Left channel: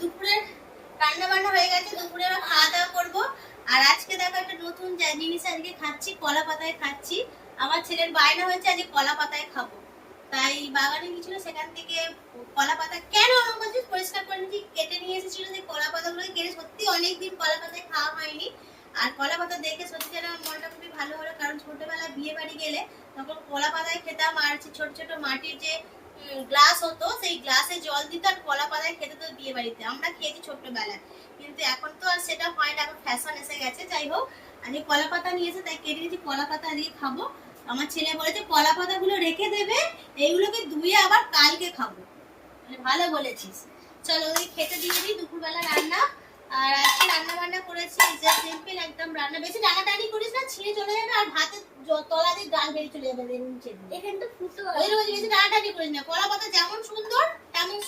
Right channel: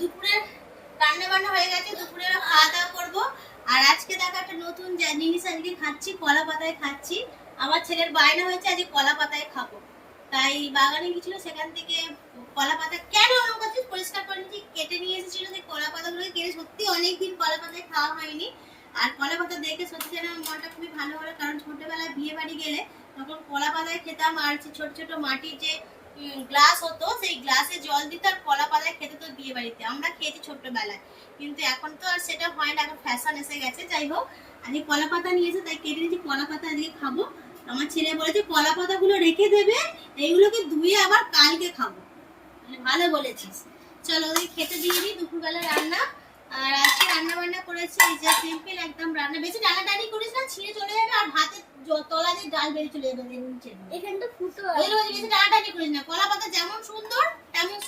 দুপুরে রান্না বান্না হয়ে গেছে, দুপুরে খাওয়া দাওয়া করবো। আর আজকে দেখো একটা নতুন জিনিস আজকে খাচ্ছি, কলা পাতায় খাচ্ছি। আমার ছেলের বায়না হয়েছে আজকে কলা পাতায় খাবো, তাই বাগানে গেছিল, সেখান থেকে কলা পাতা কেন আমার কাছে পরিষ্কার করে নিয়েছি, কেটে নিয়ে এসেছিল। যে কলা পাতাগুলো কেটে সত্যি অনেকদিন কলা পাতায় খাওয়া হয়নি। আর কলা পাতা দেখে সত্যি যেন মনটা খুবই ভালো হলো, কারণ ছোটবেলায় বিয়ে বাড়ি গেলে তখন কলা পাতায় খেতাম। আর ছোট ছোট মাটির যে গ্লাস হতো, সেই গ্লাসে জল দিত আর কলা পাতায় খেতে তো বিয়ে বাড়িতে আমরা খেয়েছি ছোটবেলায়। কিন্তু এখন তো আর সেটা হয় না, এখন ফ্যাশন এসে গেছে। যাই হোক, আজকে কলা পাতা নিয়েছে তাই কেটে নিয়েছি, কলা পাতা আজকে খাবো। আমার ছেলে বলেছে কলা পাতাগুলো রেখে দেবে, এইগুলোকে ধুয়ে আবার কালকে খাবো। ভালো বলেছিস। চলো ওই খেতে দিয়ে দিই, দুপুরবেলা রান্না। আর আজকে রান্না বান্না করেছি সিম্পল একদম রান্না, বেশি টানাটানি করিস না, ছিঁড়ে চলে যাবে আর ভাতে তলা দিয়ে ডাল বেরিয়ে চলে যাবে নিচে। এখানটা ফুটো আর বেশি টানাটানি করিস না, কলা পাতা যেমন সুন্দর তেমন